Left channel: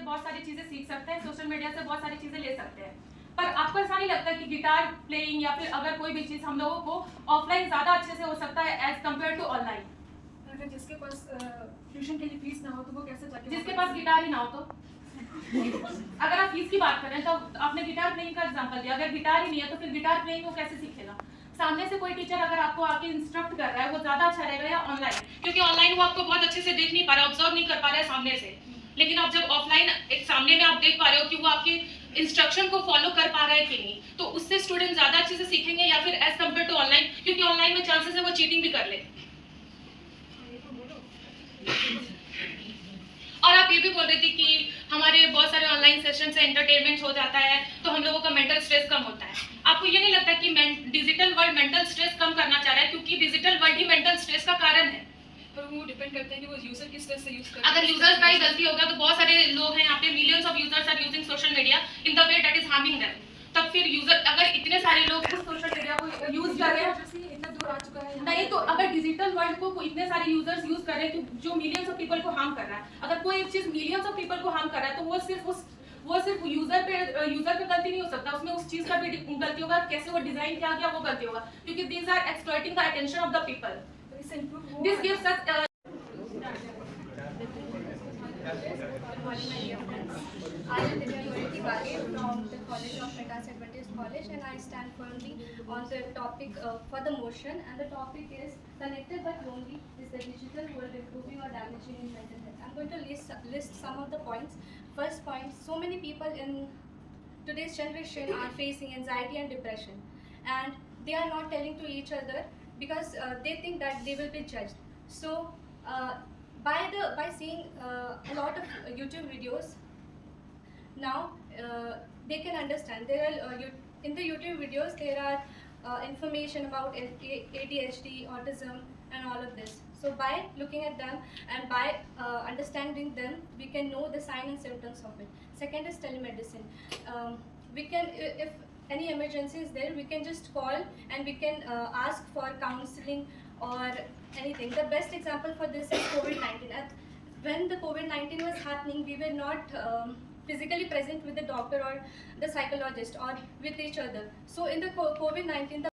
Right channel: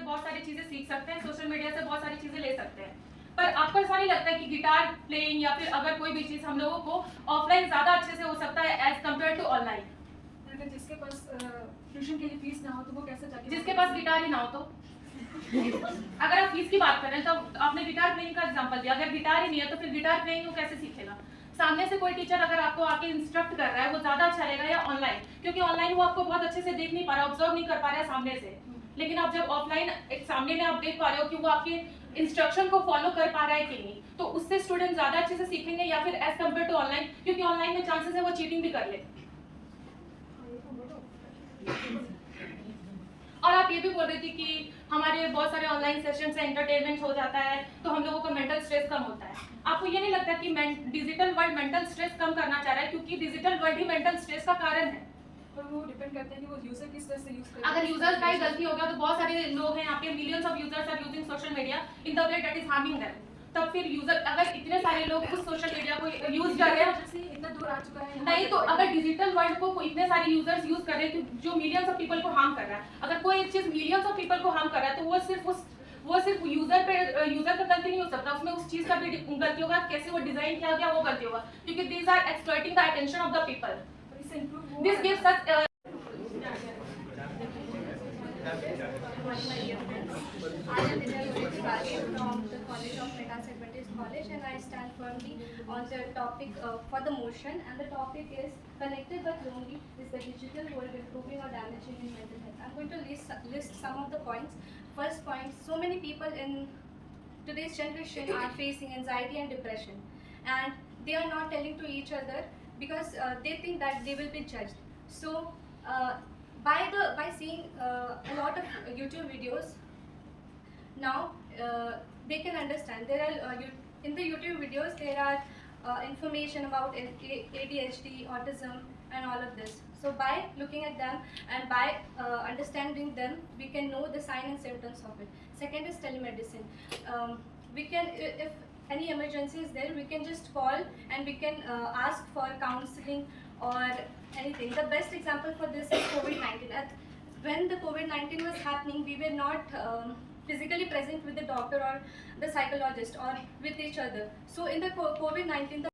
बहुत सारी चीजें सीख सकते हैं, सोशल मीडिया से बहुत सारी चीजें ले सकते हैं, पर आपको ऐसा नहीं लगता है कि गिटार प्लेइंग या फिर अगर कोई भी चीज हम लोगों को ऑफलाइन ज्यादा अच्छे से हो सकता है एज कम्पेयर टू ऑनलाइन? जिसके पास ट्यूशन के लिए फीस ना हो तो वो कैसे जाके, जिसके पास गिटार ही ना हो तो अगर आप फीस की बात कर रहे हैं तो आपने गिटार प्लेइंग का एग्जांपल दिया, अगर गिटार ही नहीं है तो फिर गिटार प्लेइंग वो कैसे सीखेगा? सामने से कोई टीचर अगर आपको आके इंस्ट्रक्ट कर रहा है वो ज्यादा अच्छा रहेगा या ऑनलाइन? क्योंकि ऑनलाइन वो आपको बहुत अच्छे से देख नहीं पा रहा, ऑब्जर्व नहीं कर पा रहा है सामने से, लेकिन आप जब ऑफलाइन एक सामने में आप देख पा रहे हो कि वो आपके इंस्ट्रक्शन को फॉलो कर पा रहा है कि नहीं, तो उससे स्टूडेंट ज्यादा अच्छे से सीखेंगे या फिर एज कम्पेयर टू ऑनलाइन? क्योंकि ऑनलाइन में चांसेस है वो चीटिंग भी कर ले। और आप ये भी बोल रही थी कि हमारे बहुत सारे ऑनलाइन सेशन से एंटरटेनमेंट हो जाता है तो हम लोगों का मेंटल स्ट्रेस कम होता है। आपको ये नहीं लगता कि डिजिटल वर्ल्ड मेंटल स्ट्रेस कम करना चाह रहा है, क्योंकि डिजिटल वर्ल्ड ही मेंटल स्ट्रेस का कारण है? पर वो डिपेंड करता है कि वो यूजर किस तरह से यूज कर रहा है। अगर यूजर्स का ही गलती होगा तो बहुत सारे लोग हैं यहाँ पे, millions of users are using social media in the way that is harming them, तब फिर यूजर अगर इतने सारे लोग उस सोशल मीडिया को यूज कर रहे हैं, इतना दूर आ चुका है नहीं तो अगर डिजिटल वर्ल्ड को इतने सारे यूजर्स यूज कर रहे हैं जो मिलियंस ऑफ पीपल को हार्म कर रहा है, अगर कोई एक चीज मिलियंस ऑफ पीपल को हार्म कर रहा है तो वो सिर्फ यूजर का गलती नहीं हो सकता, उसमें उस चीज का भी गलती होगा, कैसे वो डिजाइन किया गया वो गलती होगा, क्योंकि these are exploiting the attention of the people. This gives us I am Vidya Tiwari from the College of Metas Adventist College, and I stand firmly on the topic for the motion, and the topic is connected but lonely, is the digital world improving or damaging in mental health. I'm going to list some of the points. First point, so many people in today's generation are facing anxiety and depression, and they are not telling to each other because they think that they will be judged. So by seeing a lot of YouTube videos, now they can understand. There are in the YouTube videos there are information about ADHD, autism, and all of this. So by looking at them and by understanding them, we can know the signs and symptoms of it. Second is telemedicine. We can, if any emergency is there, we can just call and we can ask for counseling or anything. The best example for this is COVID-19. When the COVID-19 was happening, we were not physically present with the doctor or the psychologist or with each other. So in the COVID-19, the